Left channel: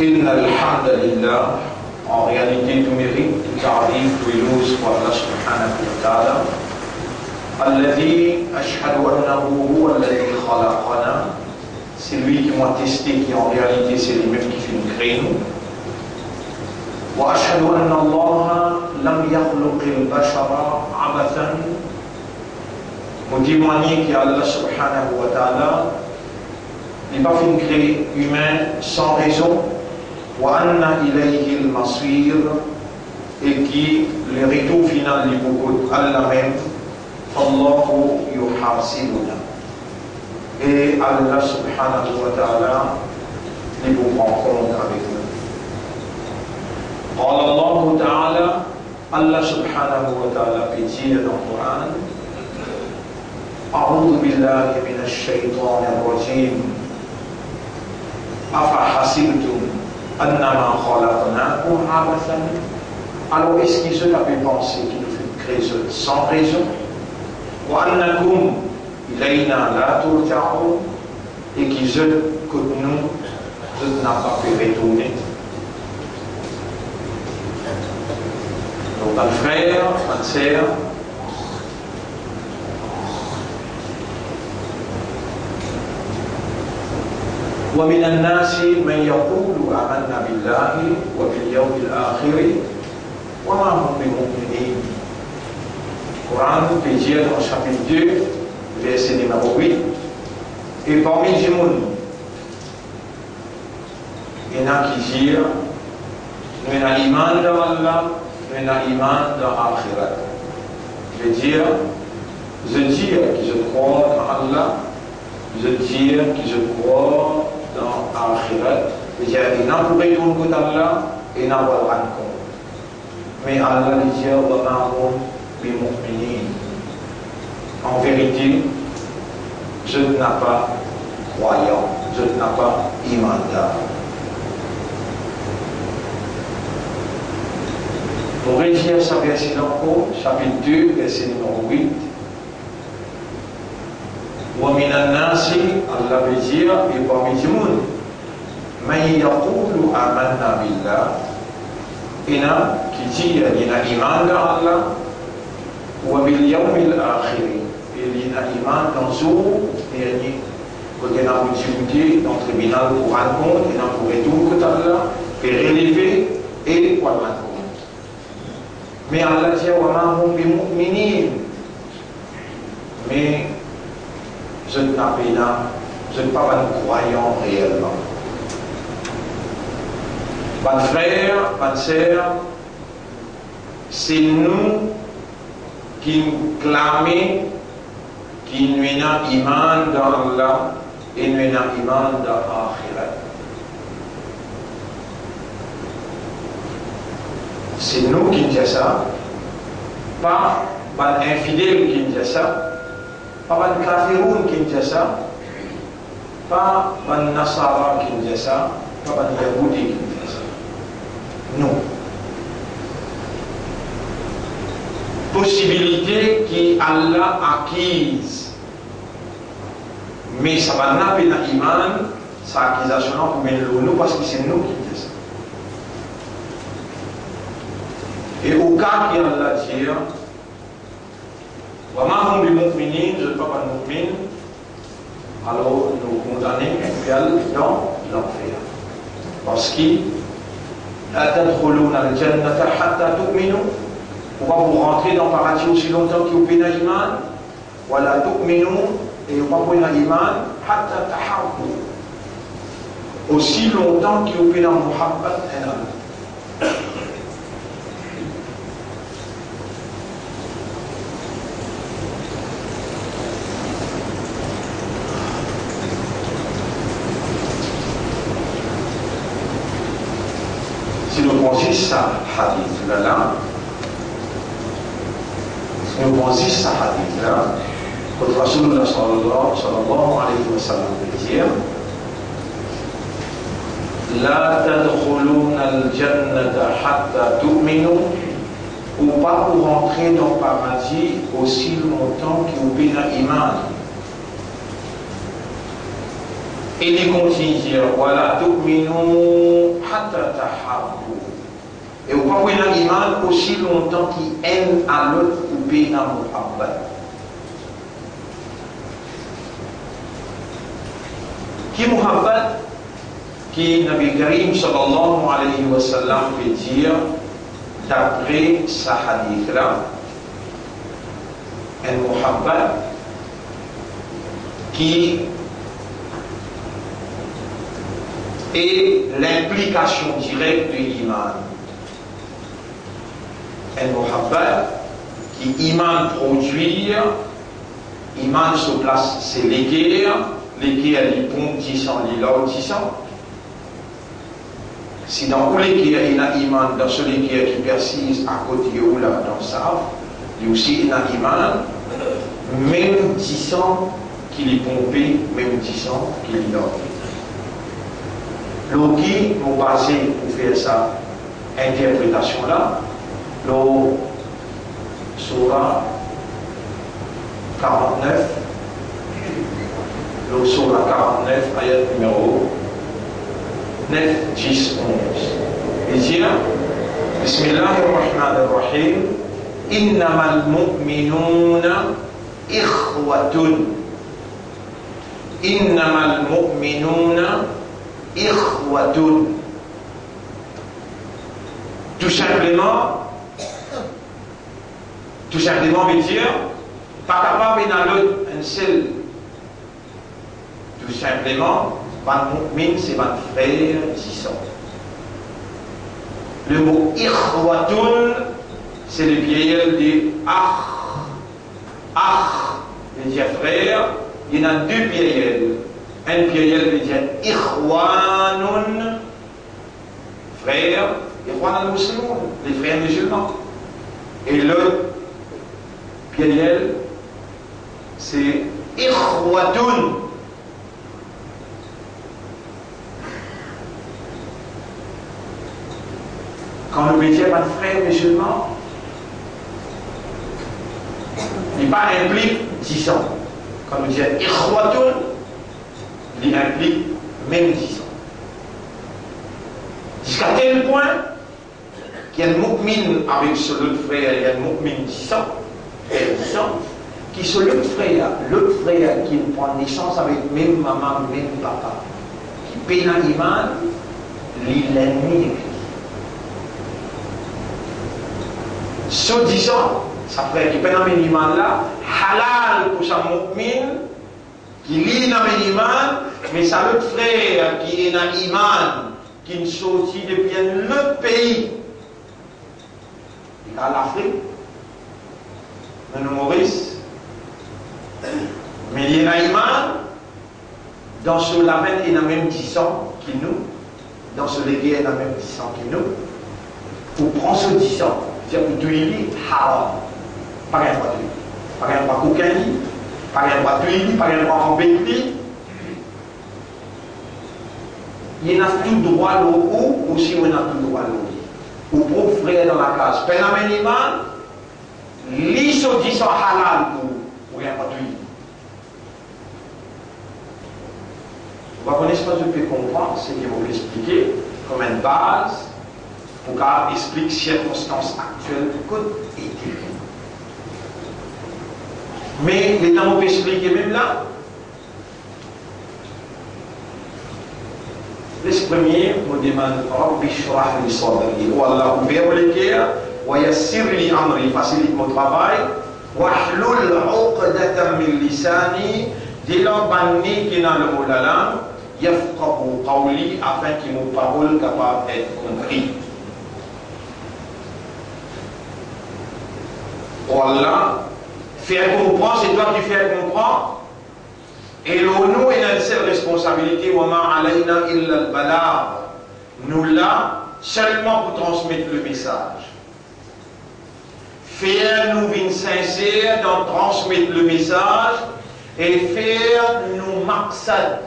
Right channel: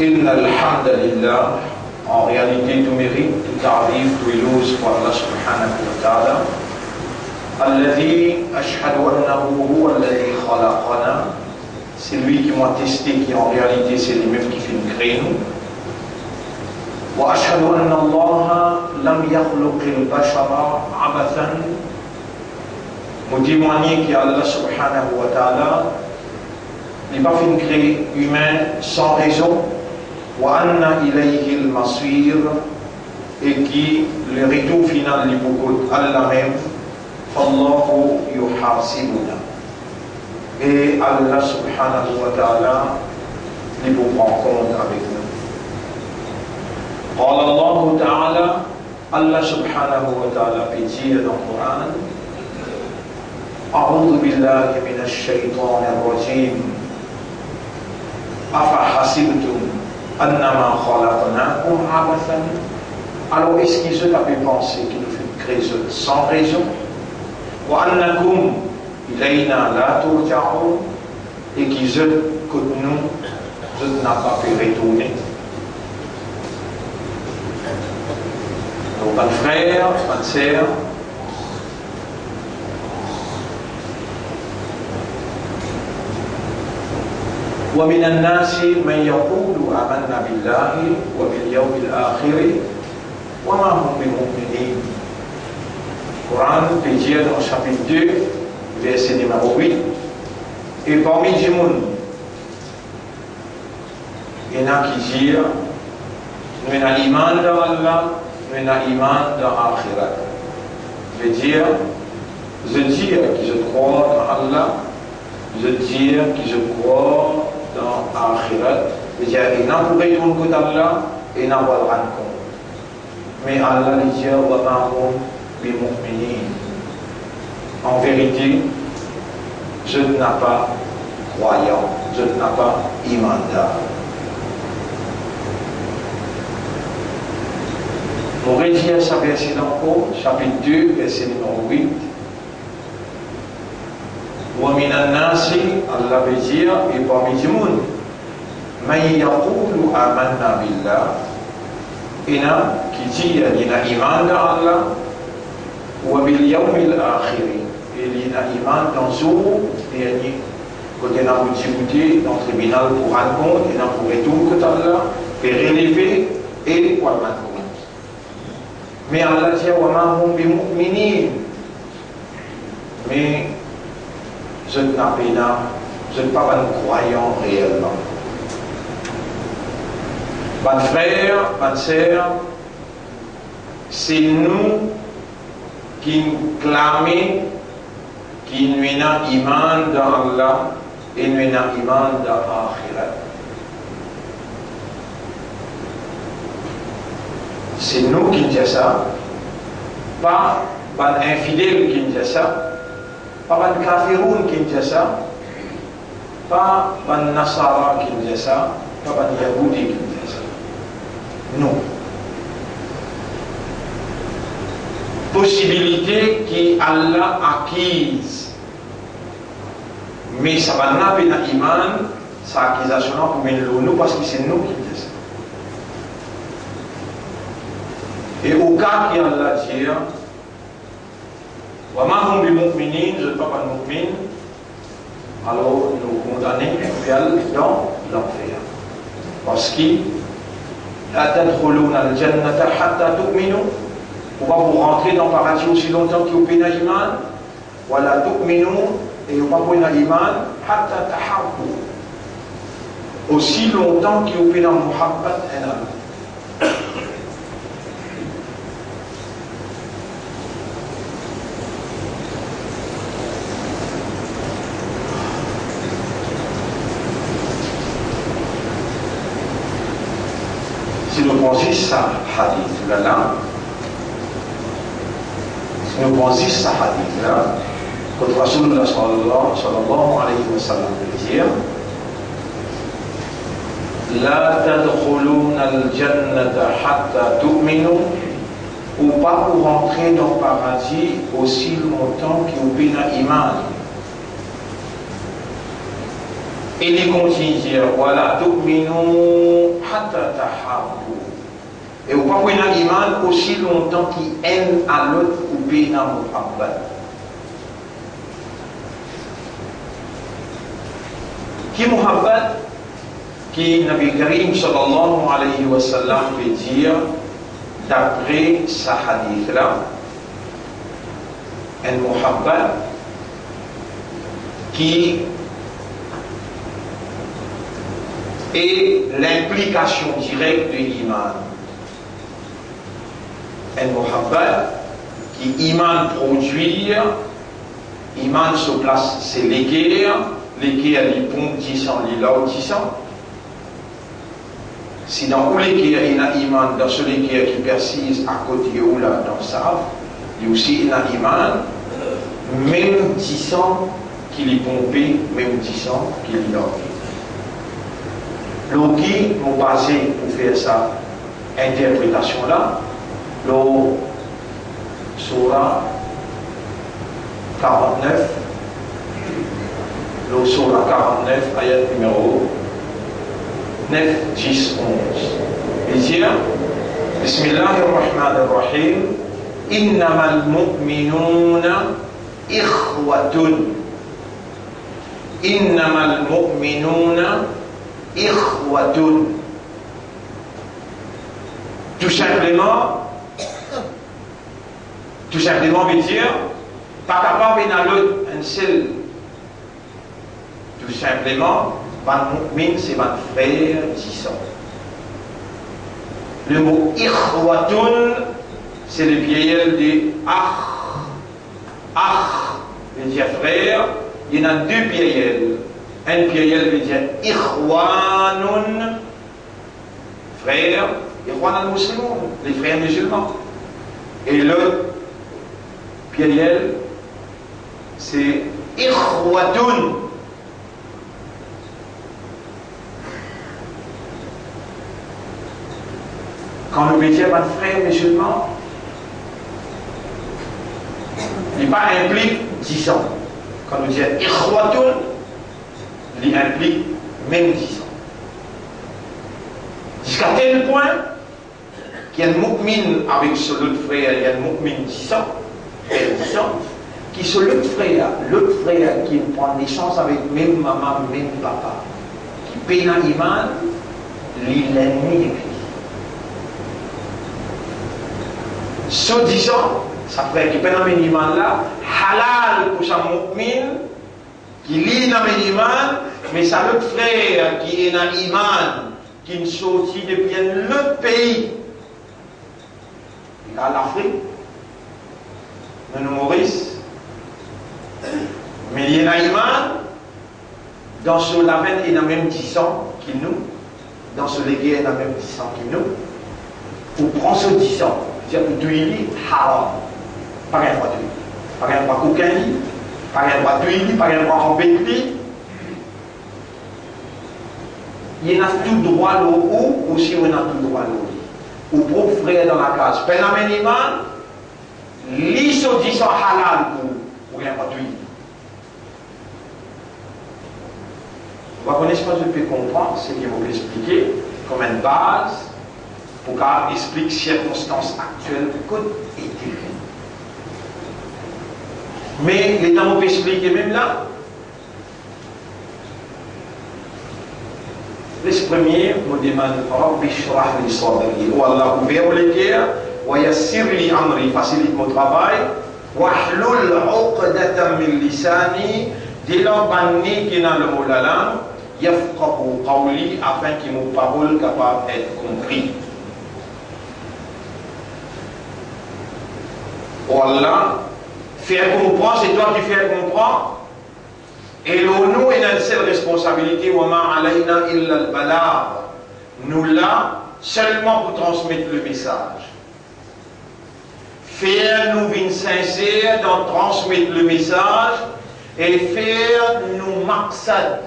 إن الحمد لله, en réalité tout mérite, tout tarif, tout éloge pour Allah subhanahu wa ta'ala, الذي أشهد أنه هو الذي خلقنا, c'est lui qui m'a testé, qui en réalité c'est lui-même qui fait une création. وأشهد أن الله لم يخلق البشر عبثا, nous témoignons qu'Allah subhanahu wa ta'ala n'est pas fait créer humain sans raison, وأن إليه المصير, et qui le retour final est beaucoup Allah même, فالله يحاسبنا, et Allah subhanahu wa ta'ala les vous prend compte avec nous. قال الله تعالى, Allah subhanahu wa ta'ala peut dire dans le Coran, أعوذ بالله من الشيطان الرجيم أفحسبتم أنما خلقناكم عبثا. Alors est-ce qu'ils avaient pensé qu'il fut créé sans raison, وأنكم إلينا لا ترجعون, et qu'ils que nous n'a pas pu retourner. Donc un frère, une sœur, ومن الناس من يقول آمنا بالله وباليوم الآخر وما هم بمؤمنين. Coran peut dire dans le chapitre 2, verset numéro 8, et parmi les gens, il y en a qui disent, nous avons l'iman dans Allah, nous avons l'iman dans l'akhirat. Je veux dire que je crois dans Allah, je dis que je crois dans l'akhirat. Je veux dire qu'il n'y a pas de retour d'Allah et il n'y a pas de rencontre. Mais Allah dit, en vérité, je n'ai pas croyant, je n'ai pas imandar. Pour rédiger ce verset d'encore, chapitre 2, verset numéro 8. وَمِنَ النَّاسِ, Allah veut dire, et parmi les gens, مَنْ يَقُولُ آمَنَّا بِاللَّهِ, il y en a qui disent, il y a iman dans Allah, وَبِالْيَوْمِ الْآخِرِ, et il y a iman dans jour dernier. Quand il y a une difficulté dans le tribunal pour rendre compte, il y a pour retour que Allah fait relever et pour rendre compte. Mais Allah dit, وَمَا هُمْ بِمُؤْمِنِينَ, mais je ne suis pas un croyant réellement. Mon frère, ma sœur, c'est nous qui clamons qui nous avons iman dans Allah et nous avons iman dans l'akhirat. C'est nous qui disons ça, pas un infidèle qui dit ça, pas un kafiroun qui dit ça, pas un nasara qui dit ça, pas un yahoudi qui dit ça. Non. Possibilité qu'Allah acquise, mais ça va n'a pas iman, sa accusation pour nous parce que c'est nous qui disons ça. Et au cas qui Allah dit, وَمَا هُمْ بِمُؤْمِنِينَ, je ne suis pas un mu'min, alors nous condamnons dans l'enfer. Parce que لَا تَدْخُلُونَ الْجَنَّةَ حَتَّى تُؤْمِنُوا, pourquoi vous rentrez dans le paradis aussi longtemps que vous avez un iman, وَلَا تُؤْمِنُوا, et vous n'avez pas un iman, حَتَّى تَحَبُّوا, aussi longtemps que vous avez un muhabbat en Allah. Si nous pensons ça hadith là, si nous pensons ça hadith là, quand Rasulullah sallallahu alayhi wa sallam dit, لا تدخلون الجنة حتى تؤمنوا, ou pas pour rentrer dans le paradis aussi longtemps que vous avez un iman. Et il continue de dire, voilà, tu'minu hatta tahabbu. Et vous pouvez avoir un iman aussi longtemps qu'il aime à l'autre ou bien à Muhammad. Qui Muhammad, qui Nabi Karim sallallahu alayhi wa sallam peut dire, d'après sa hadith là, un Muhammad qui est l'implication directe de l'iman. Un Muhammad qui iman produire, iman se place, c'est l'équerre, l'équerre les pompes 10 ans, les là 10 ans. Si dans où l'équerre il y a iman, dans ce l'équerre qui persiste à côté ou là dans ça, il y a aussi un iman, même 10 ans qu'il est pompé, même 10 ans qu'il est dormi. Donc, qui nous basé pour faire sa interprétation-là, le Surah 49, le Surah 49, ayat numéro 9, 10, 11. Il dit, Bismillahirrahmanirrahim, Innamal mu'minuna ikhwatun. Innamal mu'minuna ikhwatun. Tout simplement veut dire pas capable d'un l'autre un seul. Tout simplement, ban mu'min c'est ban frère disant. Le mot ikhwatun c'est le pluriel de akh. Akh veut dire frère. Il y en a deux pluriels. Un pluriel veut dire ikhwanun, frère, ikhwanun musulman, les frères musulmans. Et l'autre pluriel, c'est ikhwatun. Quand nous disons un frère musulman, il n'est pas impliqué 10 ans. Quand nous disons ikhwatun, il implique même 10 ans. Jusqu'à tel point qu'il y a un mu'min avec ce autre frère, il y a un mu'min 10 ans, frère 10 ans, qui est l'autre frère qui prend naissance avec même maman, même papa, qui paye un iman, l'ennemi de Christ. Ce 10 ans, ça fait qu'il paye un iman là, halal pour sa mu'min, qui lit dans l'iman, mais ça l'autre frère qui est dans l'iman, qui est sorti depuis un autre pays. Il a l'Afrique, le Maurice, mais il est dans l'iman, dans ce label il a même 10 ans qu'il nous, dans ce légué il a même 10 ans qu'il nous, ou prend ce 10 ans, c'est-à-dire que tu es haram, pas un droit de pas un droit cocaïne, pas un droit d'huile, pas un droit en béquille. Il y a tout droit là ou aussi on a tout droit là. Ou pour frère dans la case. Pénamènement, l'ISO dit son halal pour rien pas d'huile. Vous connaissez pas ce que je peux comprendre, c'est qu'il faut expliquer comme une base pour qu'on explique circonstances actuelles de code éthique. Mais les temps on peut expliquer même là. Les premiers nous demandent Rabbi shrah li sadri, ou Allah ouvre les cœurs, wa yassir li amri, facilite mon travail, wa hlul uqdatan min lisani, dis-leur banni qui dans le mot de la langue, yafqahu qawli, afin que mon parole capable d'être compris. Oh Allah, faire comprendre, c'est toi qui fais comprendre. Et nous, nous, il a une seule responsabilité, nous là, seulement pour transmettre le message. Faire nous une sincère dans transmettre le message et faire nous maqsad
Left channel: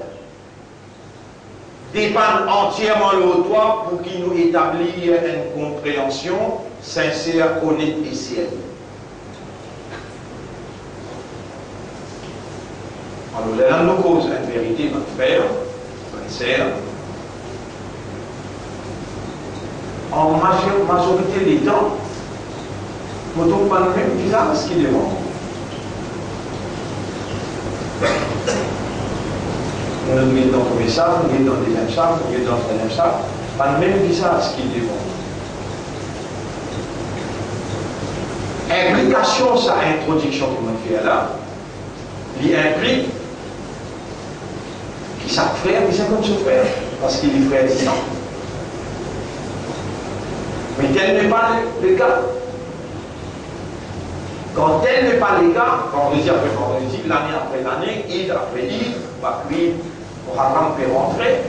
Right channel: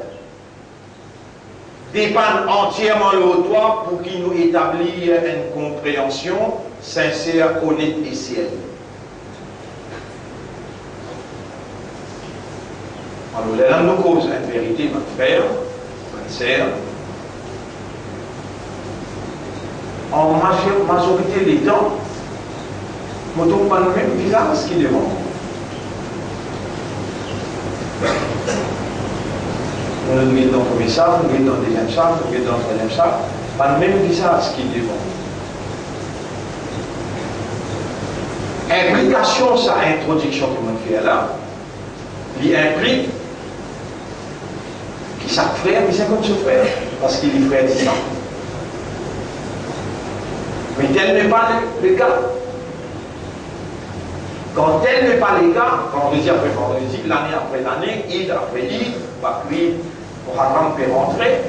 dépendre entièrement de toi pour qu'il nous établisse une compréhension sincère, honnête et sérieuse. Alors, là, nous cause une vérité, notre frère, c'est en majorité des temps, on ne trouve pas le même visage ce qu'il est bon. On le met dans le premier sac, on le met dans le deuxième sac, on le met dans le troisième sac, pas le même visage qu'il est bon. Implication, sa introduction que l'on fait là, il implique qu'il s'appelle frère, mais c'est comme son frère, parce qu'il est frère de ça. Mais tel n'est pas le cas. Quand tel n'est pas le cas, vendredi après vendredi, l'année après l'année, Eid après Eid, Bakri, Muharram peut rentrer.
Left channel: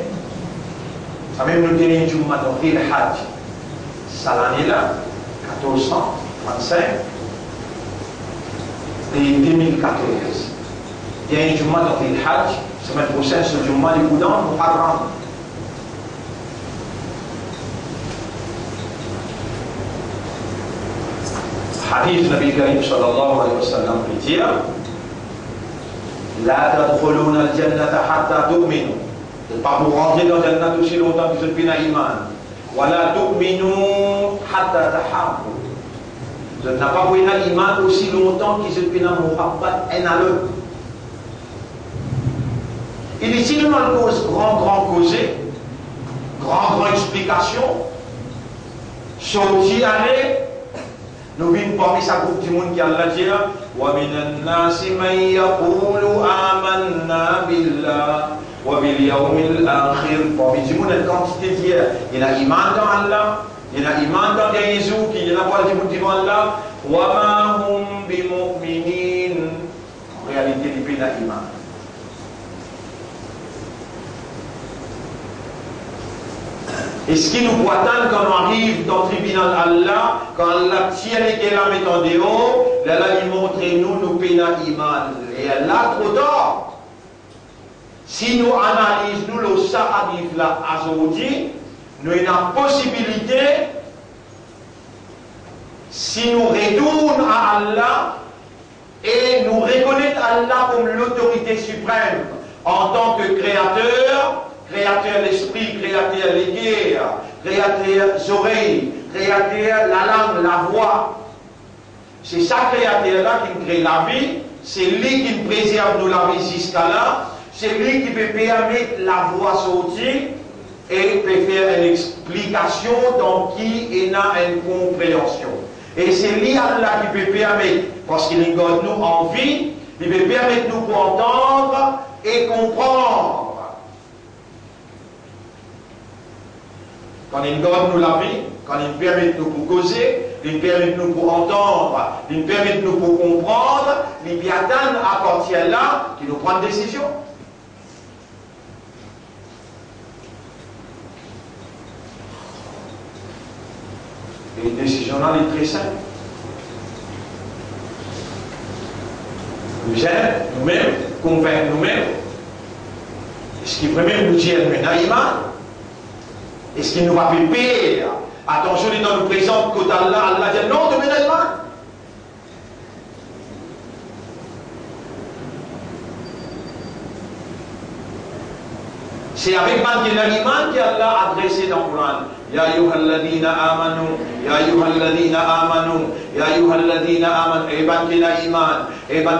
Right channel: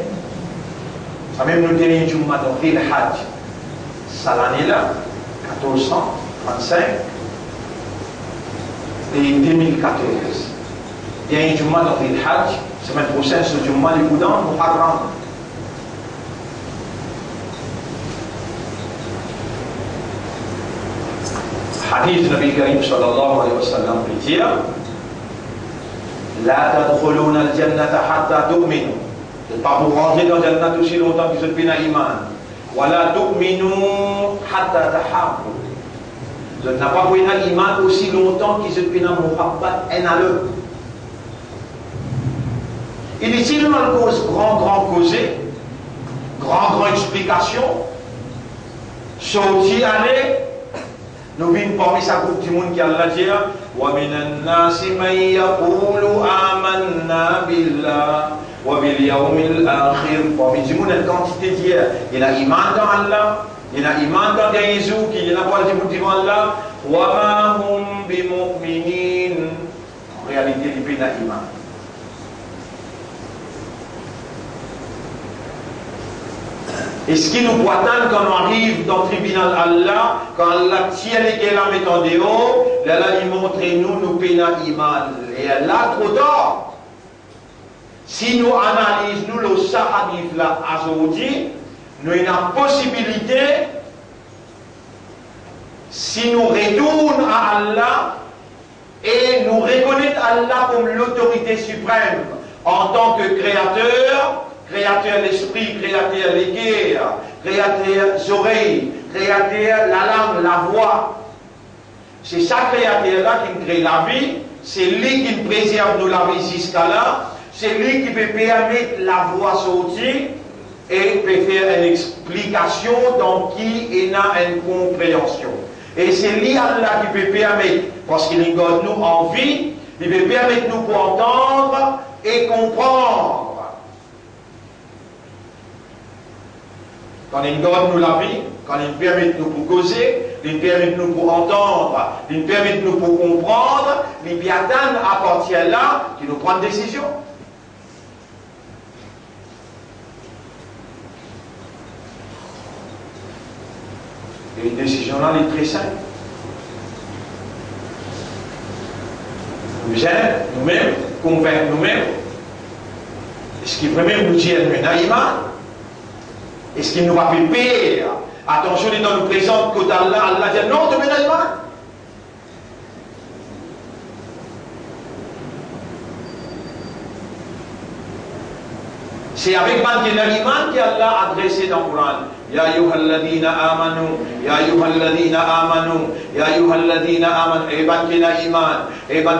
Ça même nous tenons du mois de Hajj. Ça l'année-là, 1435 et 2014. Il y a du mois de Hajj, semaine prochaine, c'est du mois de Boudan, Muharram. حديث النبي الكريم صلى الله عليه وسلم بيتيا لا تدخلون الجنة حتى تؤمنوا. Pas pour rentrer dans la Jannah aussi longtemps que vous êtes bien iman. ولا تؤمنوا حتى تحابوا. Vous n'avez pas pour iman aussi longtemps que vous êtes bien muhabbat en aleu. Il est seulement une cause grand causé, grand explication. Sorti aller. Nous vîmes parmi sa groupe du monde qui a Allah dit وَمِنَ النَّاسِ مَنْ يَقُولُ آمَنَّا بِاللَّهِ وَبِالْيَوْمِ الْآخِرِ. Parmi du monde, une quantité d'hier. Il y a iman dans Allah, il y a iman dans Jésus, il y a pas du monde du monde là. وَمَا هُمْ بِمُؤْمِنِينَ. En réalité, il y a iman. Et ce qui nous attend quand on arrive dans le tribunal Allah, quand Allah tient les là met en dehors, là il montre nous pénal iman. Et là trop tard. Si nous analysons le sahadif là aujourd'hui, nous avons la possibilité, si nous retournons à Allah et nous reconnaissons Allah comme l'autorité suprême en tant que créateur, créateur l'esprit, créateur les guerres, créateur les oreilles, créateur la langue, la voix. C'est ça créateur-là qui crée la vie, c'est lui qui préserve nous la vie jusqu'à là, c'est lui qui peut permettre la voix sortir et peut faire une explication dans qui il a une compréhension. Et c'est lui Allah qui peut permettre, parce qu'il garde nous en vie, il peut permettre nous pour entendre et comprendre. Quand il donne nous la vie, quand il permet de nous pour causer, il permet de nous pour entendre, il permet de nous pour comprendre, les biatan appartient là qui nous prend une décision. Et une décision là est très simple. Nous aimons nous-mêmes, convaincre nous-mêmes. Ce qui vraiment nous dit iman. Est-ce qu'il nous va faire pire? Attention, il nous présente côté Allah, Allah dit non, de iman. C'est avec iman qu'Allah a adressé dans le Coran. Ya ayyuhalladhina amanu, ya ayyuhalladhina amanu, ya ayyuhalladhina amanu. Eban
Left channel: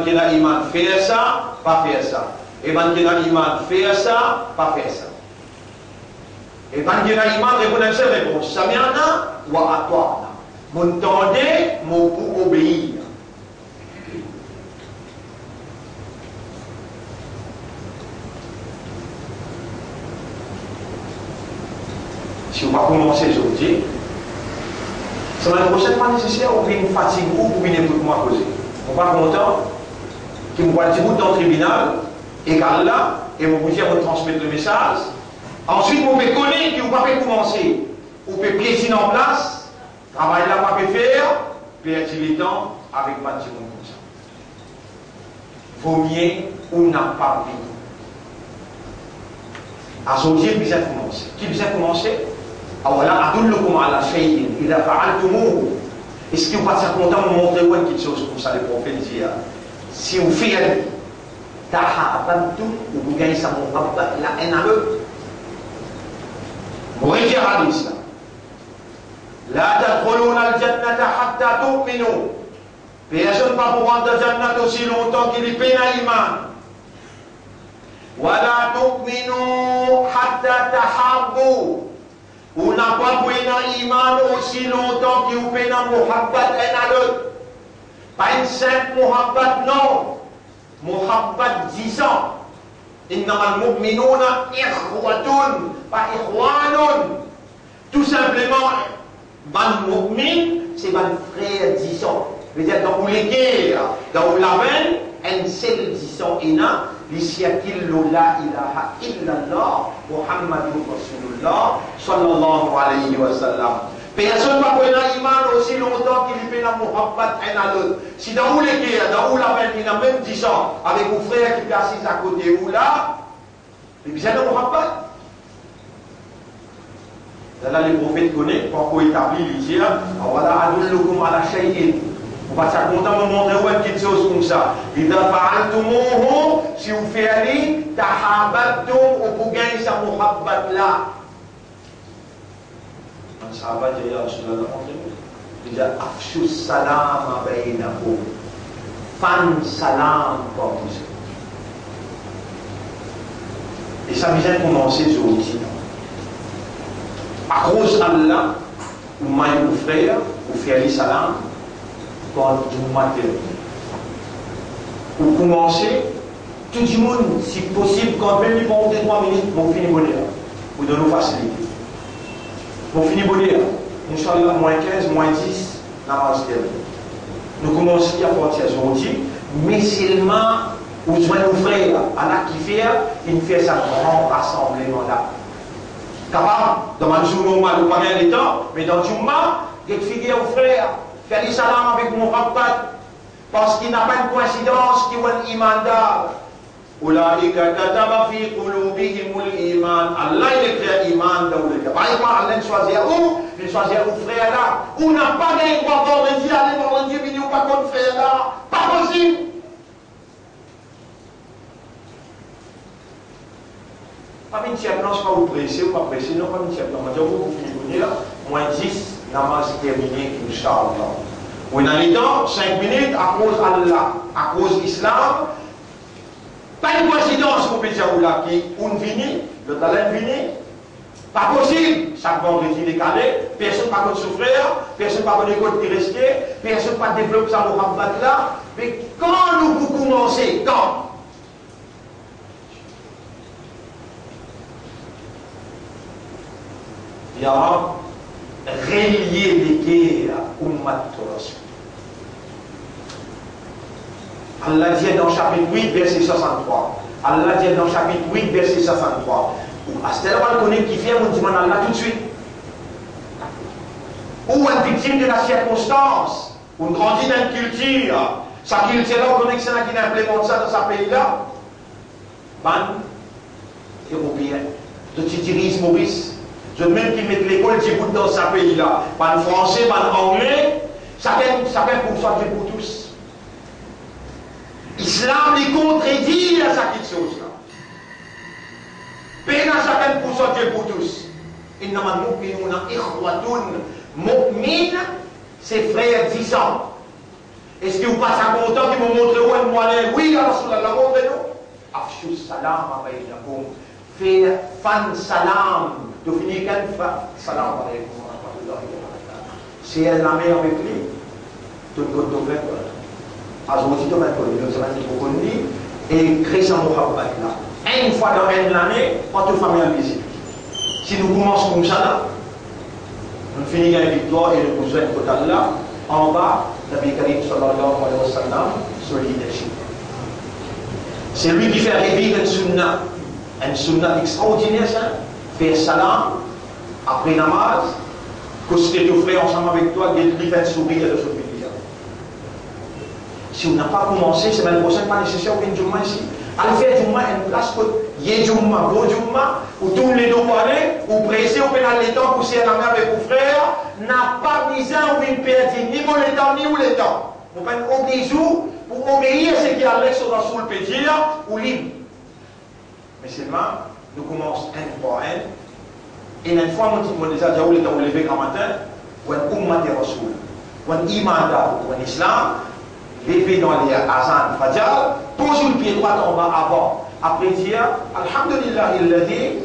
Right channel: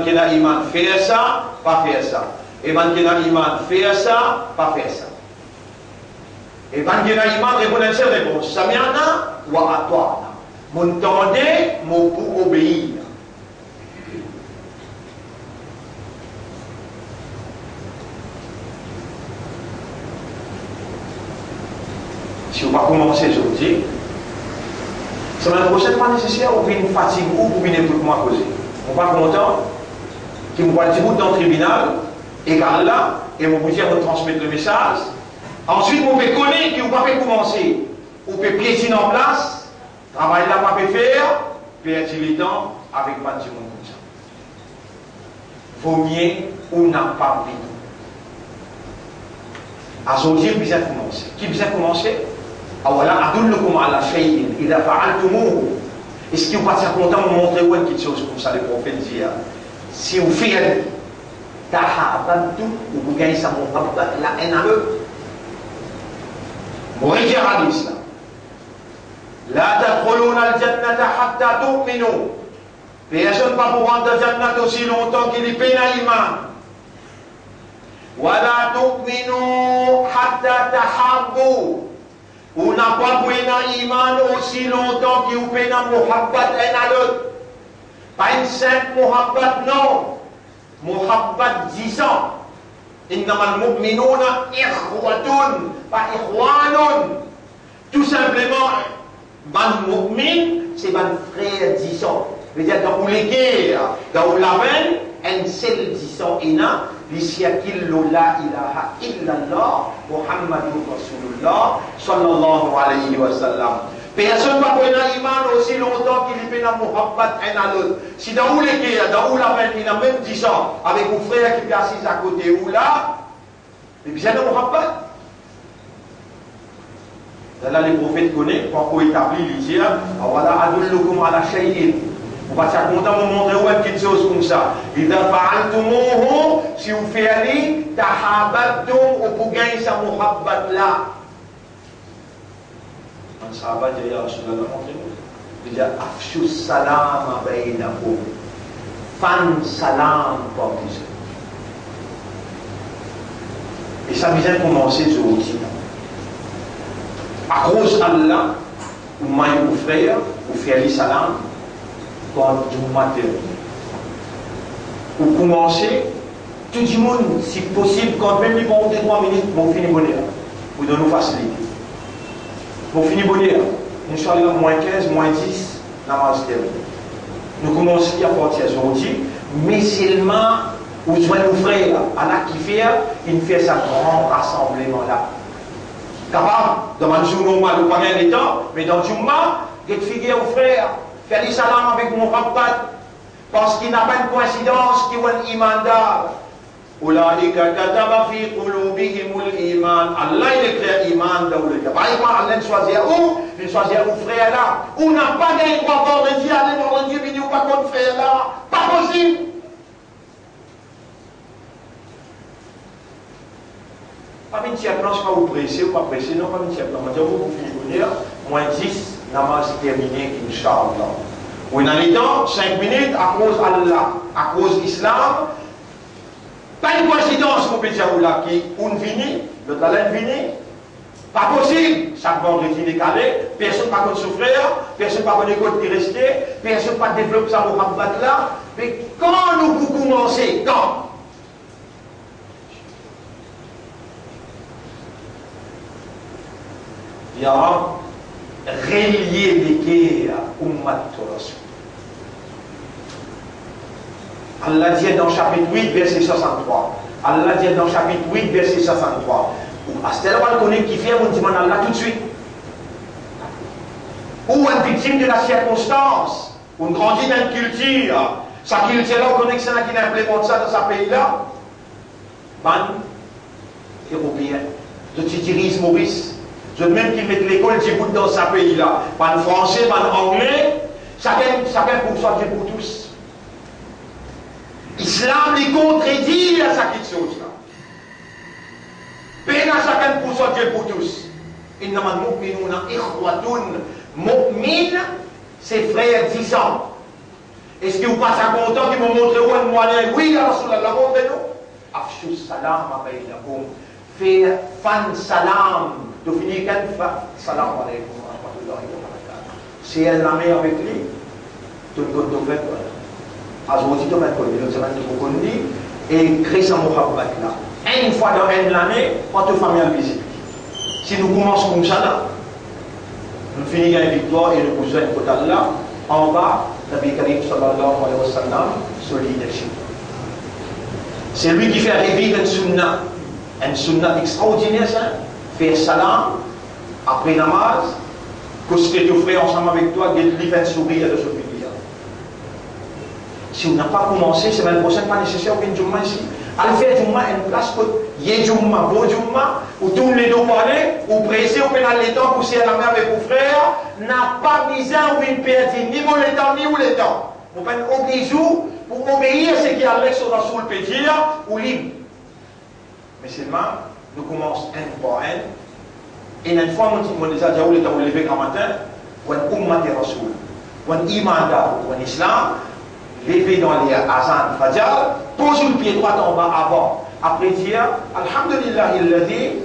kina iman, faire ça, pas faire ça. Eban kina iman, faire ça, pas faire ça. Et quand il y a un imam, répondez cette réponse. Sami'na wa ata'na. M'entendez, mon pour obéir. Si on va commencer aujourd'hui, semaine prochaine, pas nécessaire, on vient une fatigue ou vous venez tout le monde poser. On va content, qui me voit un petit bout dans le tribunal, et car là, et on vous dit, on transmettre le message. Ensuite, vous pouvez connaître, vous pouvez commencer. Vous pouvez piétiner en place, travail là, vous pouvez faire, perdre du temps avec pas de monde comme ça. Vaut mieux ou n'a pas vu. À aujourd'hui, vous avez commencé. Qui vous a commencé? Ah voilà, adullukum ala shay'in, idha fa'altumuhu. Est-ce que vous passez content de montrer où quelque chose comme ça, les prophètes disent? Si vous faites, tahabantu, ou vous gagnez ça, mon papa, la haine à eux. Corrigez hadith là. La tadkhuluna al-jannata hatta tu'minu. Personne ne va pour rentrer dans Jannat aussi longtemps qu'il est pénal iman. Wa la tu'minu hatta tahabbu. On n'a pas pénal iman aussi longtemps qu'il est pénal muhabbat un à l'autre. Pas une simple muhabbat, non. Muhabbat 10 ans. Innamal mu'minuna ikhwatun, pas ikhwanun. Tout simplement, ban mu'min, c'est ban frère 10 ans. C'est-à-dire, dans les guerres, dans la veine, un seul 10 ans, l'isiakillu la ilaha illallah, Muhammadun Rasulullah, sallallahu alayhi wa sallam. Personne ne va connaître l'iman aussi longtemps qu'il fait la muhabbat un à l'autre. Si dans les guerres, dans la veine, il a même 10 ans, avec mon frère qui est assis à côté ou là, mais bien le muhabbat. Là, les prophètes connaissent, pourquoi établir l'islam, voilà, adullukum ala shay'in. On va s'être content de montrer une petite chose comme ça. Idha fa'altumuhu, si vous faites, tahabattum, ou vous gagnez sa muhabbat là. Un sahabat dit, ya Rasulallah, montrez-nous. Il dit, afshu salam baynakum. Fan salam pour vous. Et ça vient de commencer ce outil. À cause d'Allah, ou maille ou frère, ou faire salam, quand vous matin. Vous commencez, tout le monde, si possible, quand même, ils vont 3 minutes, vous finissez bonheur. Vous donnez facilité. Vous finissez bonheur. Inch'Allah, moins 15, moins 10, namaz terminé. Nous commençons à partir aujourd'hui, mais seulement, vous joignez vos frères, Allah qui fait, il fait sa grand rassemblement là. Capable, dans le Jumma, nous parlons des temps, mais dans le Jumma, il figure aux frères, faire les salam avec mon rabat, parce qu'il n'a pas une coïncidence qui est un iman d'Allah. Ulaika kataba fi qulubihimul iman. Allah il écrit iman dans le cœur. Par exemple, Allah choisit où? Il choisit aux frères là. On n'a pas gagné pour avoir de Dieu, aller voir Dieu, mais nous pas contre frère là. Pas possible. Pas une tiers, non, je ne vais pas vous presser, ou pas presser, non, pas une tiers, non, je vais vous finir, moins 10, namaz terminé, Inch'Allah. Oui, dans les temps, 5 minutes, à cause d'Allah, à cause de l'Islam, pas une coïncidence, qu'on peut dire, là, qui, on finit, le talent finit, pas possible, chaque vendredi décalé, personne ne va contre son frère, personne ne va contre l'école qui restait, personne ne va développer ça au Rabat là, mais quand nous vous commencez, quand? Il y a relier les guerres Ummat Rasul. Allah dit dans chapitre 8, verset 63. Allah dit dans chapitre 8, verset 63. Astel va le connaître qui vient, on dit Allah tout de suite. Ou une victime de la circonstance, on grandit dans une culture. Sa culture-là, on connaît que c'est là qui implémente ça dans sa pays-là. Ban européen, de Titiris Maurice. Je même qui met l'école Djibouti dans sa pays-là. Pas de français, pas d'anglais. Chacun pour soi, Dieu pour tous. Islam les contredit à cette chose-là. Peine à chacun pour soi, Dieu pour tous. Innamal mu'minuna ikhwatun. Mu'min, c'est frère 10 ans. Est-ce que vous passez un bon temps qui me montre où un moyen? Oui, ya Rasulallah, montrez-nous. Afshu salam abaynakum. Fait fan salam. Tu finis quand salam alaykum wa rahmatullahi wa barakatuh. Si elle la met avec lui, tu le comptes fait quoi? Aujourd'hui, tu vas connu, tu vas connu, et créer sa muhabbat là. Une fois dans l'année, votre famille en visite. Si nous commençons comme ça là, nous finissons la victoire et nous posons total là, en bas, Nabi Karim sallallahu alayhi wa sallam, sur le leadership. C'est lui qui fait revivre une sunnah extraordinaire, ça. Faire salam, après namaz, que ce que tu fais ensemble avec toi, qu'il lui fait sourire de ce pays. Si on n'a pas commencé, c'est même prochain pas nécessaire qu'une Jumma ici. Allez faire Jumma une place où il y a Jumma, bon Jumma, où tous les deux parlent, ou pressé, ou pénal les temps, pousser à la main avec vos frères, n'a pas besoin ou une perte, ni mon le temps, ni où le temps. On peut obéir pour obéir à ce qui est avec sur le peut dire, ou libre. Mais seulement, nous commençons un par un, Et une fois, on déjà dit, on est levé grand matin, on ummat et rasoul, on iman on islam, levé dans les azan fajr, pose le pied droit en bas avant. Après dire, Alhamdulillah, illadhi,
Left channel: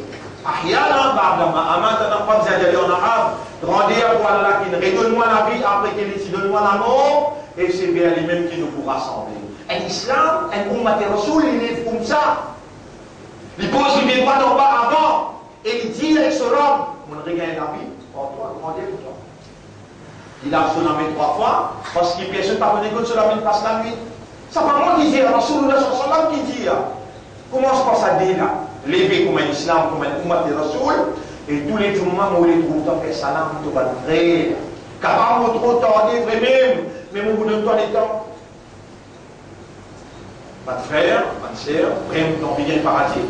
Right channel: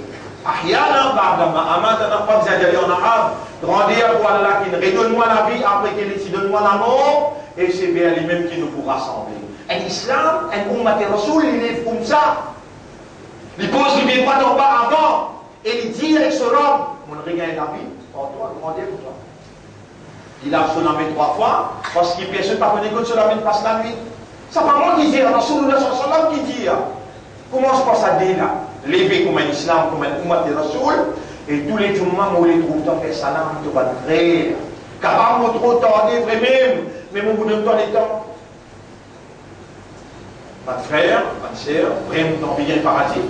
ahyana ba'dama amatana, pas besoin d'aller en arabe, grandir pour Allah qui redonne-moi la vie, après qu'il dit, donne-moi la mort, et c'est bien lui-même qui nous pourra rassembler. Un islam, un ummat et rasoul, il est comme ça. Il pose le pied droit en bas avant. Et il dit avec ce homme, on regagne la vie, pour toi, grandir pour toi. Il a sonné 3 fois, parce qu'il ne peut pas connaître que cela passe la nuit. Ça pas moi qui dis, Rasulullah sallallahu qui dit, comment je pense à dire là, lever comme un islam, comme un ummat et rasoul, et tous les jummas, on les trouve dans le salam, tout va vrai. Car on trop tardé, vraiment, mais on vous donne pas les temps. Pas de frère, pas de sœur, vraiment, dans bien le paradis.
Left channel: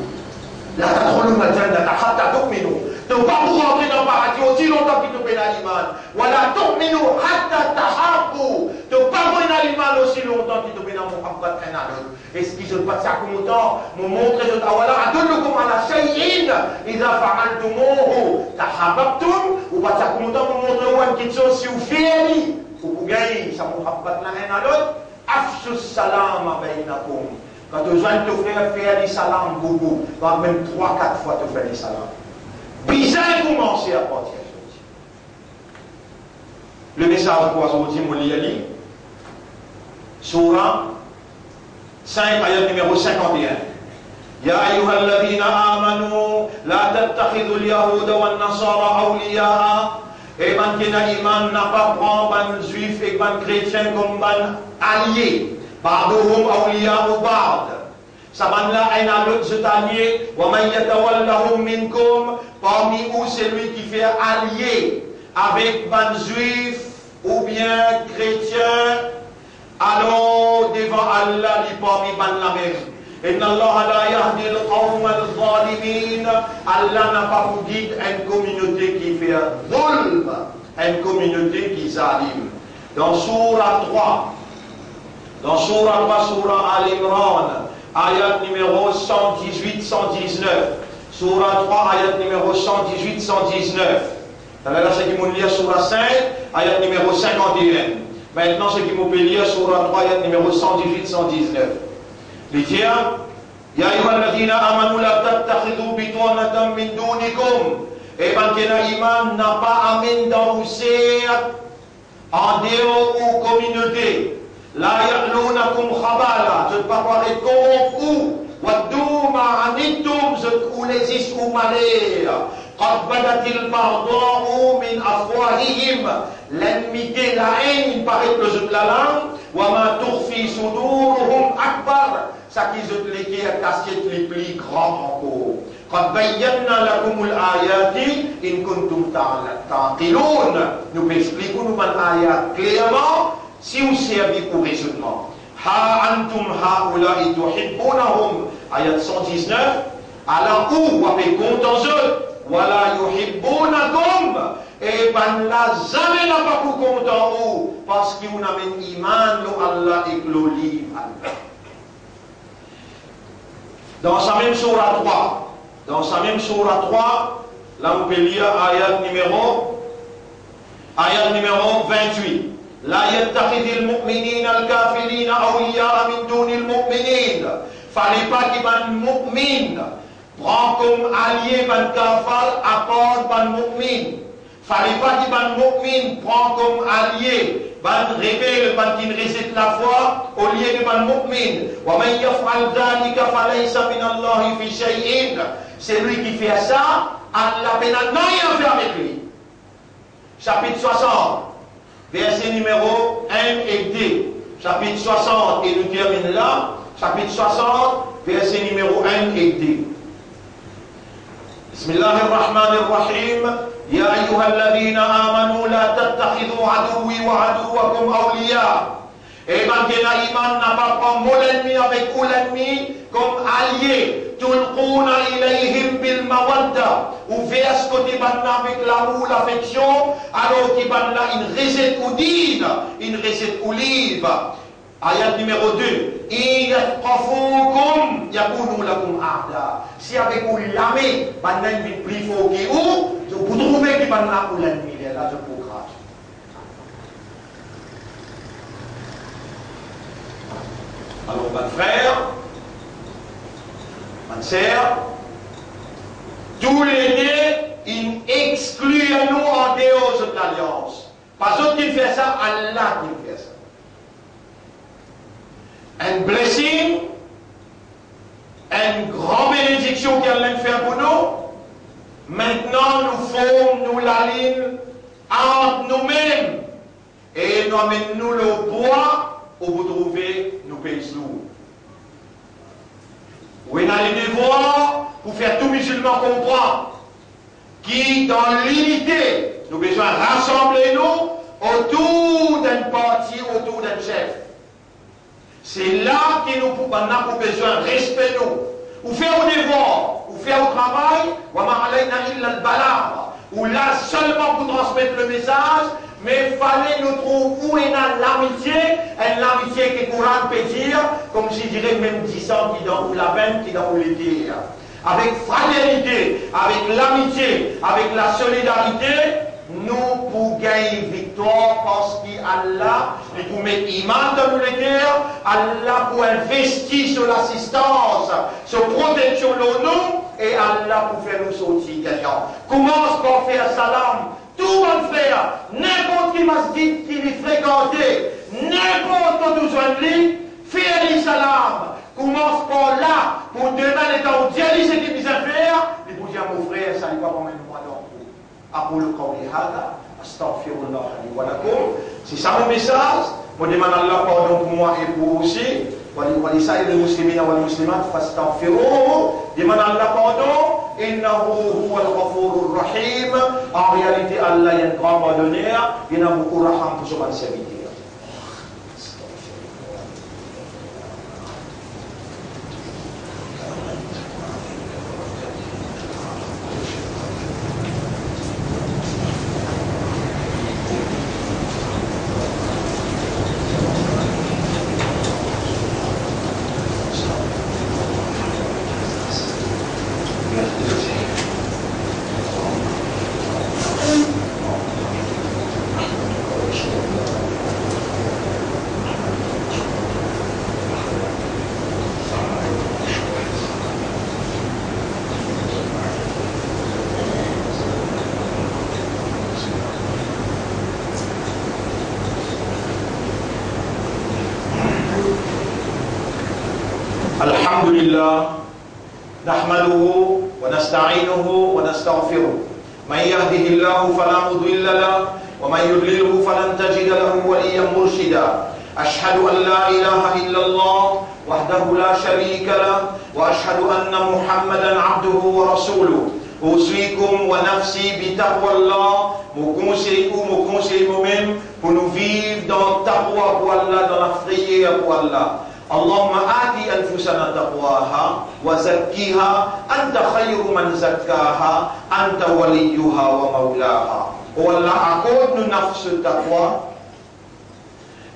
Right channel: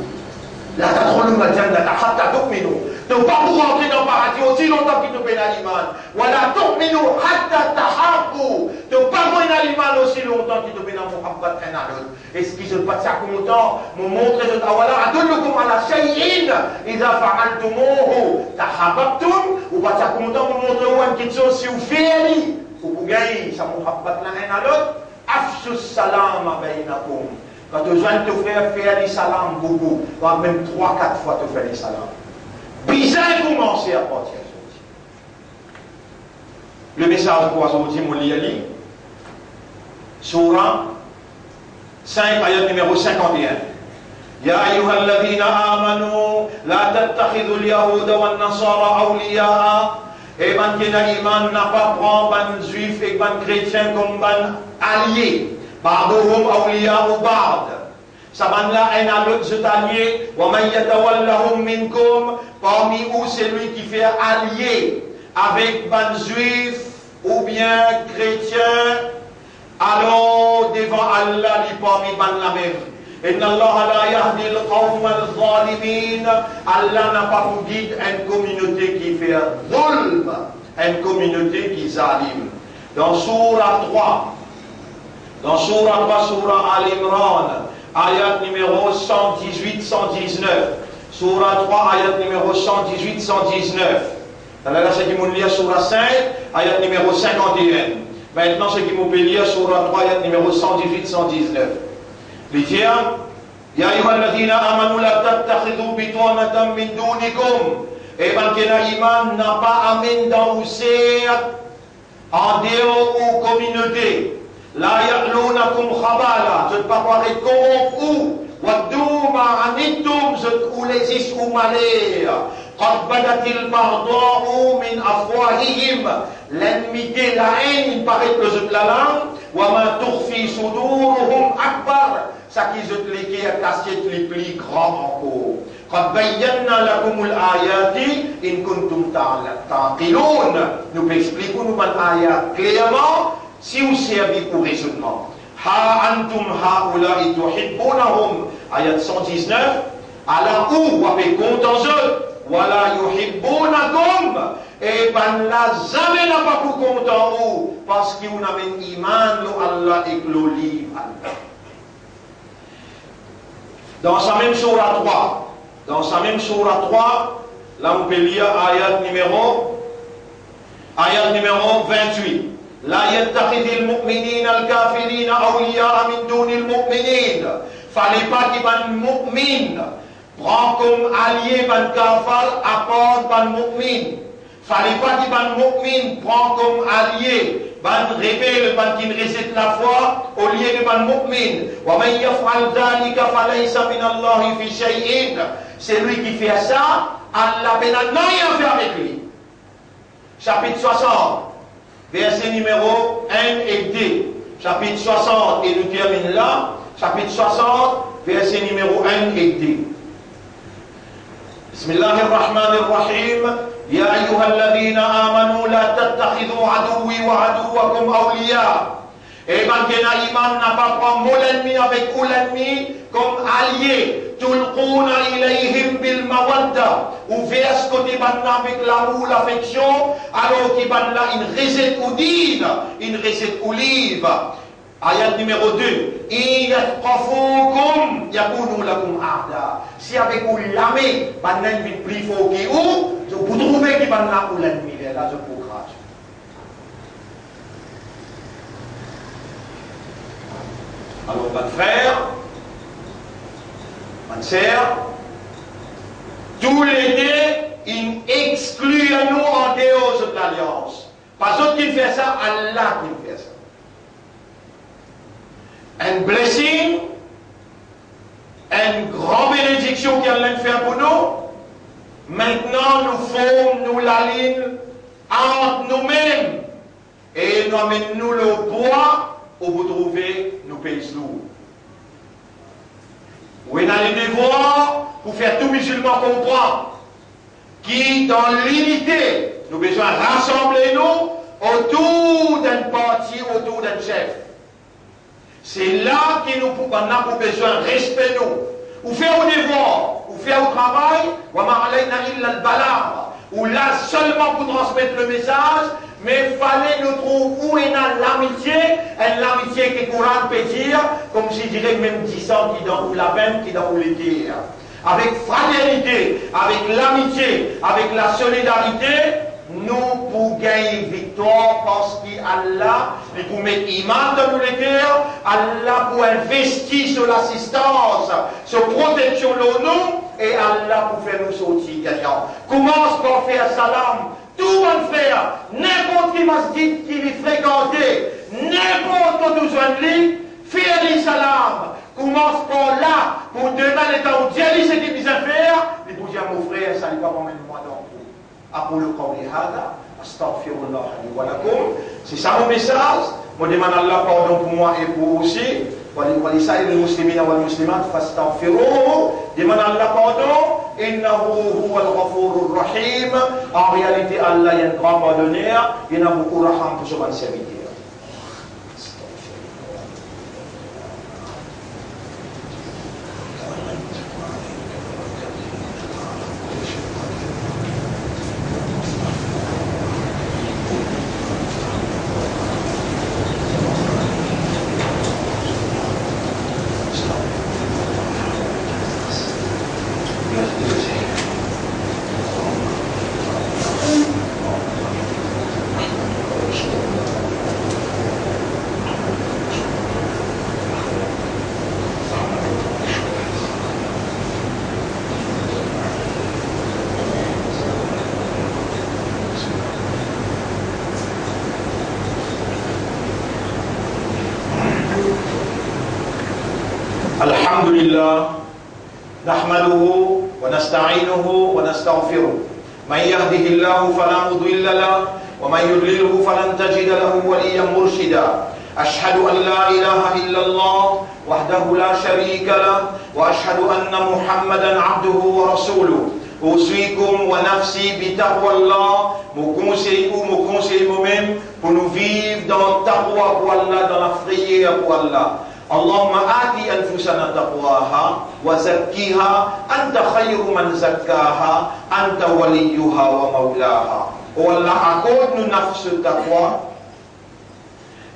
La tadkhulul jannata hatta tu'minu. Donc pas pour rentrer dans le paradis aussi longtemps qu'il te paie l'iman. Wala tu'minu hatta tahabbu. Donc pas pour l'iman aussi longtemps qu'il te paie dans Muhammad un à l'autre. Et ce qui se passe à comme temps, me montrer de tawala adullukum ala shay'in idha fa'altumuhu tahabbtum ou pas ça comme temps me montrer où une question si vous faites ou vous gagnez ça Muhammad l'un à l'autre. Afshu salama bainakum. Quand tu viens te faire les salams beaucoup, même 3-4 fois te faire les salams. Bizarre commencer à partir de ça. Le message pour aujourd'hui, mon liali, Surah 5, ayat numéro 51. Ya ayyuhal ladhina amanu, la tattakhidhu al-yahuda wan nasara awliya'a. Et ban qui n'a iman n'a pas prendre ban juif et ban chrétien comme ban alliés. Ba'duhum awliya'u ba'd. Sabanla un à l'autre cet allié. Wa man yatawallahum minkum. Parmi vous, c'est lui qui fait allié avec ban juif ou bien chrétien. Alors devant Allah, il parmi ban la même. Inna Allah la yahdi al-qawm al-zalimin. Allah n'a pas pour guide une communauté qui fait zulm, une communauté qui zalim. Dans Surah 3, Surah Al-Imran, ayat numéro 118-119. Surah 3, ayat numéro 118-119. Là, c'est qui m'ont lire Surah 5, ayat numéro 51. Maintenant, ce qui m'ont lire Surah 3, ayat numéro 118-119. Les tiens, Ya ayyuhalladhina amanu la tattakhidhu bitanatan min dunikum. Et ben que l'iman n'a pas amené dans en dehors ou communauté. La ya'lunakum khabala. Je ne pas voir les corrompus. Waddu ma'anittum. Je ne les isou malais. قد بدت البغضاء من أفواههم. L'ennemité, la haine, il paraît que je la langue. وما تخفي صدورهم أكبر. Ça qui je les qui a cassé les plus grands encore. قد بينا لكم الآيات إن كنتم تعقلون. Nous expliquons nous l'ayat clairement si vous servez pour raisonnement. Ha antum haula'i tuhibbunahum. Ayat 119. Alors où vous avez compte en eux. Wala yuhibbunakum. Et ben là, jamais n'a pas pour compte en vous. Parce que vous n'avez iman de Allah et que le livre Allah. Dans sa même surah 3, là on peut lire ayat numéro 28. La yattakhidil mu'minina al-kafirina awliya'a min dunil mu'minin. Fallait pas qu'il ban mu'min prend comme allié ban kafar à part ban mu'min. Fallait pas qu'il ban mu'min prend comme allié ban rebelle, ban qui rejette la foi au lieu de ban mu'min. Wa man yaf'al dhalika falaysa min Allah fi shay'in. C'est lui qui fait ça, Allah n'a rien fait avec lui. Chapitre 60, verset numéro 1 et 2. Chapitre 60, et nous terminons là. Chapitre 60, verset numéro 1 et 2. Bismillahirrahmanirrahim. Ya ayyuhalladhina amanu la tattakhidhu aduwwi wa aduwwakum awliya. Et maintenant, iman n'a pas pris mon ennemi avec l'ennemi comme allié. Tulquna ilayhim bil mawadda. Ou verse côté maintenant avec l'amour, l'affection, alors qu'il va là une recette ou dîne, une recette ou livre. Ayat numéro 2. Iyatqafukum yakunu lakum a'da. Si avec vous l'amé, maintenant il plus fort que vous, je pour trouver qui va là pour l'ennemi, là, je peux grâce. Alors, mon frère, ma sœur, tous les deux, ils excluent nous en dehors de l'alliance. Pas d'autre qui fait ça, Allah qui fait ça. Un blessing, une grande bénédiction qu'Allah fait pour nous. Maintenant, nous formons la ligne entre nous-mêmes et nous amenons le bois où vous trouvez nos pays lourds. Vous avez le devoir pour faire tout musulman comprendre qui, dans l'unité, nous avons besoin de rassembler nous autour d'un parti, autour d'un chef. C'est là que nous avons besoin de respect nous. Ou faire au devoir, ou faire au travail, ou là seulement pour transmettre le message, mais il fallait nous trouver où est l'amitié que le Coran peut dire, comme je dirais même 10 ans qui dans la peine, qui dans le dire. Avec fraternité, avec l'amitié, avec la solidarité, nous pour gagner victoire parce qu'Allah, il pour mettre iman dans nos cœurs, Allah pour investir sur l'assistance, sur protection de nous, et Allah pour faire nous sortir gagnants. Commence par faire salam. Tout le monde frère, n'importe qui masjid qui lui fréquentait, n'importe où besoin de lui, faire les salam. Commence par là, pour demain les temps où Dieu dit ce qu'il dit à faire, il vous dire mon frère, ça ne va pas même moi dans tout. أقول قولي هذا أستغفر الله لي ولكم. C'est ça mon message. Je demande Allah pardon pour moi et pour vous aussi. ولسائر المسلمين والمسلمات فاستغفروه. Demande Allah pardon. إنه هو الغفور الرحيم. En réalité, Allah est un grand pardonneur. Il y en a beaucoup de raham pour son serviteur. الحمد لله نحمده ونستعينه ونستغفره من يهده الله فلا مضل له ومن يضلله فلن تجد له وليا مرشدا أشهد أن لا إله إلا الله وحده لا شريك له وأشهد أن محمدا عبده ورسوله أوصيكم ونفسي بتقوى الله mon conseil moi-même pour nous vivre dans la taqwa pour Allah, dans la prière pour Allah. اللهم آت أنفسنا تقواها وزكيها أنت خير من زكاها أنت وليها ومولاها. Oh Allah, accorde-nous nafs taqwa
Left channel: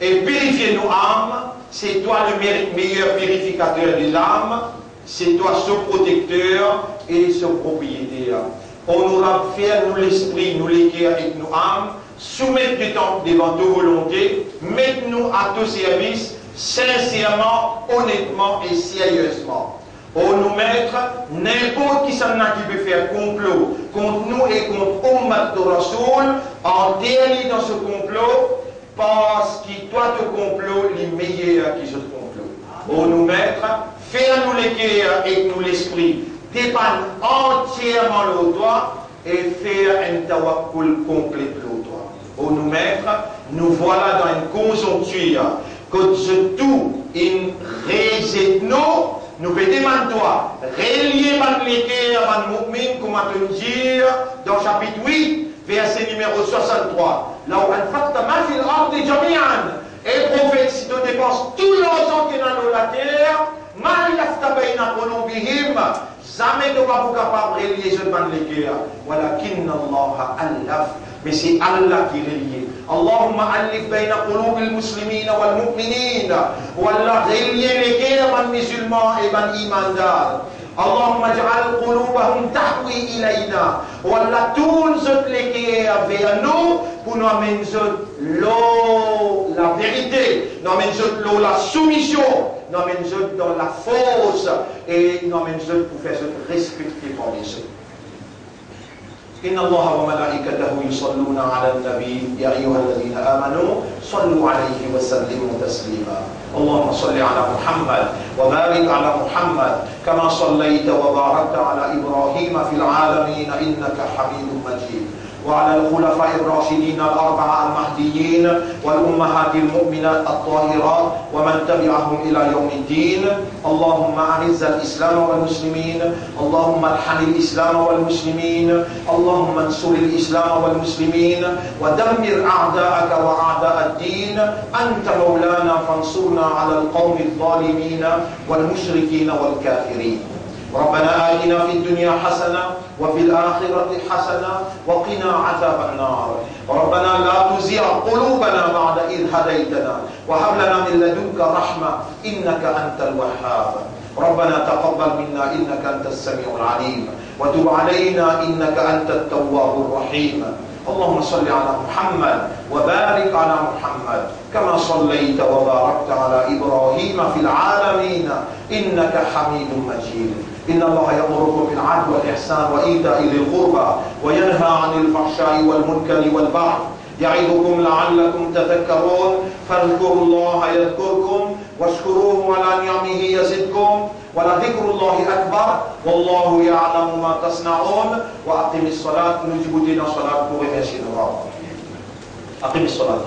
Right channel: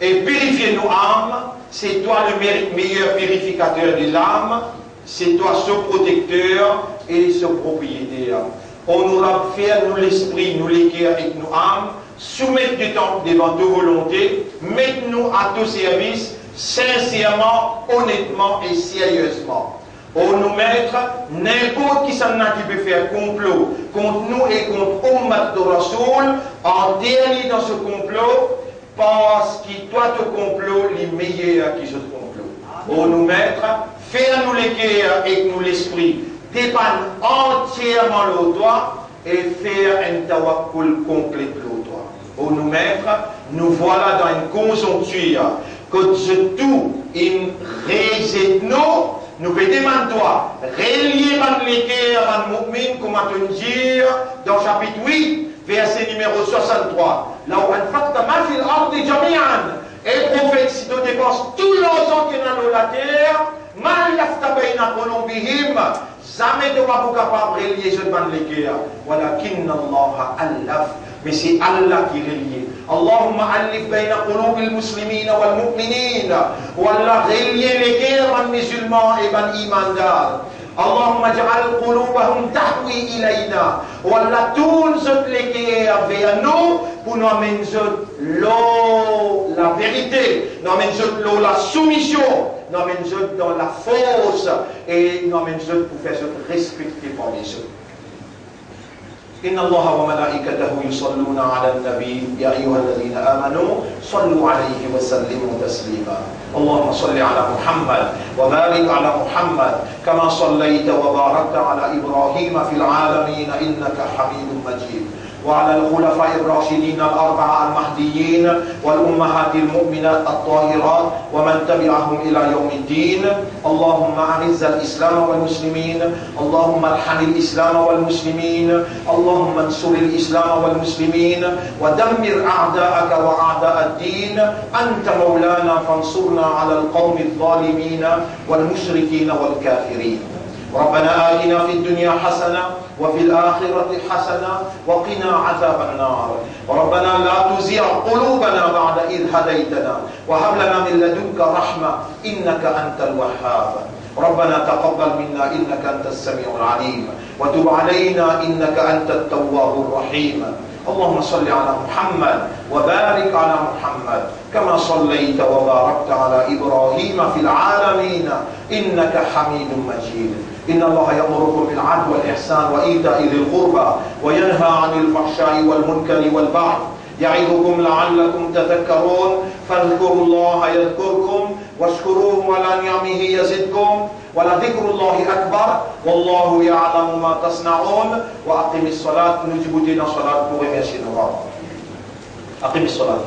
et purifie nos âmes. C'est toi le meilleur purificateur de l'âme. C'est toi ce protecteur et ce propriétaire. On nous a fait, nous l'esprit, nous l'équerre avec nos âmes. Soumettre du temps devant ta volonté. Mette-nous à ton service. Sincèrement, honnêtement et sérieusement. On nous mettre n'importe qui s'en a qui peut faire complot contre nous et contre Ummat de Rasoul, en dernier dans ce complot, parce que toi te complot les meilleurs qui se complot. On nous mettre, faire nous l'équerre et nous l'esprit, dépanne entièrement le doigt et faire un tawakkul complet le doigt. On nous mettre, nous voilà dans une conjoncture que ce tout in réseau nous peut demander toi relier man l'équerre man mu'min comme on te dire dans chapitre 8 verset numéro 63 là où anfaqta ma fil ardi jami'an et prophète si tu dépenses tout l'argent qui est dans la terre ma yafta bayna qulubihim jamais tu vas pas capable relier ce man l'équerre walakinna Allah allaf. Mais c'est Allah qui relie. Allahumma alif bayna qulub al-muslimin wal-mu'minin. Wallah relier les guerres man musulmans et man imandar. Allahumma ij'al qulubahum tahwi ilayna. Wallah tourne zot les cœurs vers nous pour nous amener l'eau, la vérité, nous amener l'eau, la soumission, nous amener dans la force et nous amener pour faire respecter par les autres. إن الله وملائكته يصلون على النبي يا أيها الذين آمنوا صلوا عليه وسلموا تسليما اللهم صل على محمد وبارك على محمد كما صليت وباركت على إبراهيم في العالمين إنك حميد مجيد وعلى الخلفاء الراشدين الأربعة المهديين والأمهات المؤمنات الطاهرات ومن تبعهم إلى يوم الدين اللهم أعز الإسلام والمسلمين اللهم ارحم الإسلام والمسلمين اللهم انصر الإسلام والمسلمين ودمر أعداءك وأعداء الدين أنت مولانا فانصرنا على القوم الظالمين والمشركين والكافرين ربنا آتنا في الدنيا حسنة وفي الآخرة حسنة وقنا عذاب النار ربنا لا تزغ قلوبنا بعد إذ هديتنا وهب لنا من لدنك رحمة إنك أنت الوهاب ربنا تقبل منا إنك أنت السميع العليم وتب علينا إنك أنت التواب الرحيم اللهم صل على محمد وبارك على محمد كما صليت وباركت على إبراهيم في العالمين إنك حميد مجيد إن الله يأمركم بالعدل والإحسان وإيتاء ذي القربى وينهى عن الفحشاء والمنكر والبغي يعظكم لعلكم تذكرون فاذكروا الله يذكركم واشكروه على نعمه يزدكم ولذكر الله أكبر والله يعلم ما تصنعون وأقم الصلاة نجيب دينا صلاة pour remercier nos parents. أقم الصلاة.